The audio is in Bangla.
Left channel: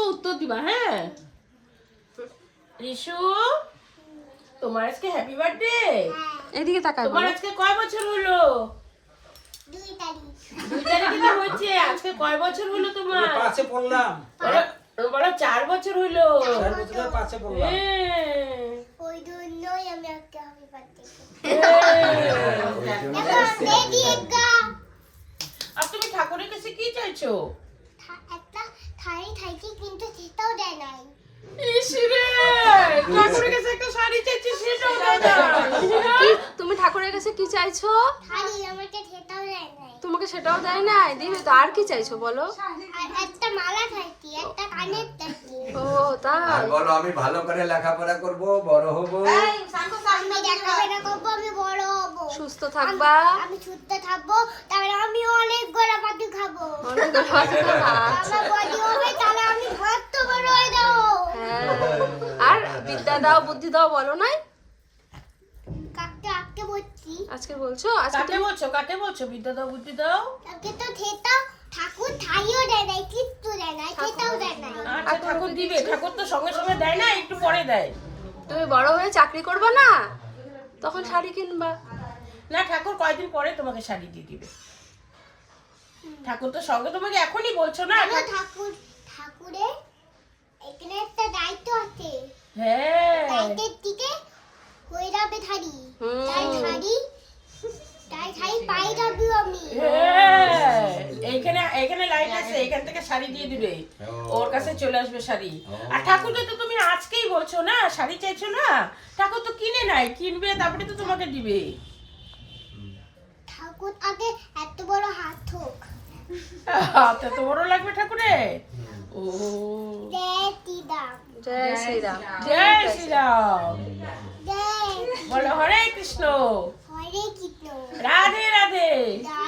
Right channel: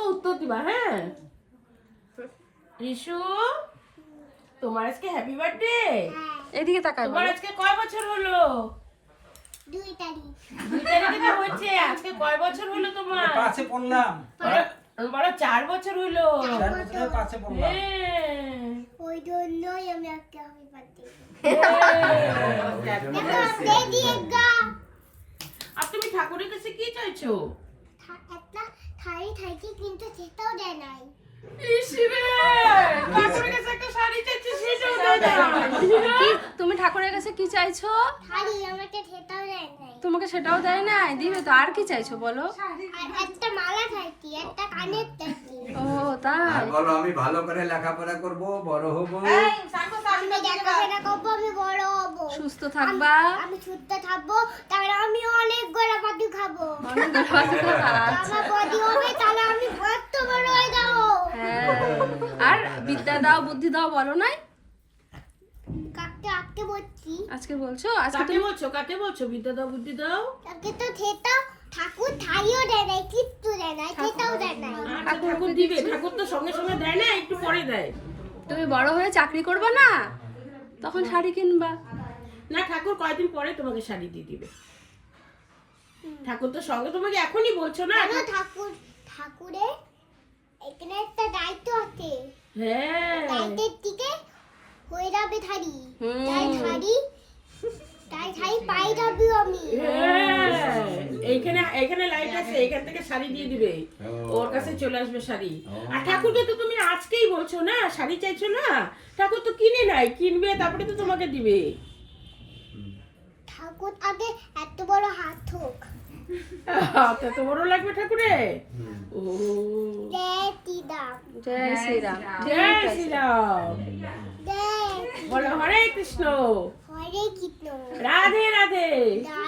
বলবো উত্তর দিবা, হ্যাঁ? রিশু, তোমার আজকে হ্যাপি বার্থডে। এদিকে তাকাই তোমার বলো। আজকে কয় বছর হলো? 2 তারিখ। 2 তারিখে তো হচ্ছে। আজকে কয় বছর হলো তোমার? 5-এ পড়লাম। বলো 4 বছর হলো। 4 বছরে 5-এ পড়লাম। ওই জন্যই আমি একটা হ্যাপি বার্থডে। আর তুমি ঠাকুরের কাছে কি চাইছো? একটা থাই থাইকে কিন্তু সেটাও দেয় নাই। ইসরে, ঠাকুরের কাছে একটা শাড়ি চাইছি, সেটাও দাও না। তুমি ঠাকুরের কাছে কি চাইছো? থাই আমাকে সেটাও দেয় নাই। তোমাকে সেটাও দেয় না, দিবে তো। আর কি চাইছো বলো? আর একটা মালা থাকি, একটা কানের থাকি। ও তাই। আর বলো আমি ভালো করে লেখাপড়া করব, বড় হব, আমি লেখাপড়া করবো, আমি বড় হব। সুস্থ থাকবা। আমি সুস্থ থাকবো, তাহলে আমি অনেক গোলাপাতি খাবো। অনেক ভালো থাকবা। আমার বডি হবে, তাহলে আমি কত বড় হয়ে যাবো। হ্যাঁ। আর বিদ্যা দাও, বুদ্ধি দাও বলো নাই? কাকে আটকে বলছি? আজকে বলছো? আজকে কাকে বলছো বিদ্যা দাও, বুদ্ধি দাও? তাকে তো সেটা ঠাকুর থাইও দেয় নাই, কিচ্ছু দেয় নাই, সেটাও দেয় নাই। আচ্ছা, ঠাকুর দিবে। ঠাকুর তো সঙ্গে সঙ্গে দেয় না, একটু পরে দেয়। তুমি বড় হয়ে চাকরি করবা না, তখন শাড়ি কিনবা। না, ঠাকুর কয়দিন পরে তোমাকে শাড়ি দিয়ে দিবে। ঠাকুর তো সঙ্গে তোমাকে এখনই বলছো না। কেন ঠাকুরের এখানে একটা দায়িত্ব আছে। হ্যাঁ, দায়িত্বের দিকে হয়ে যাবে থারি। তাই থারি পাই যাবি আমি। হ্যাঁ, এইখানে লাইট আছে, এখান থেকে শাড়ি দিয়ে দিবে। ওর কাছে চলে আসবে শাড়ি। আর ঠাকুরকে তো তুমি আজকেই বলছো না শাড়ি চাইছো না, ঠাকুর তো কিনে নাই, কিনবে তারপরে তো তোমাকে দিবে। ঠাকুর আগে এত বড় হাত হোক। হাতে তো বড় লাগবে ঠাকুরে। ও, জয় শ্রীরাম। জয় শ্রীরাম। জয় শ্রীরাম। জয় বলো হরে কৃষ্ণ, হরে কৃষ্ণ। রাধে রাধে। রাধে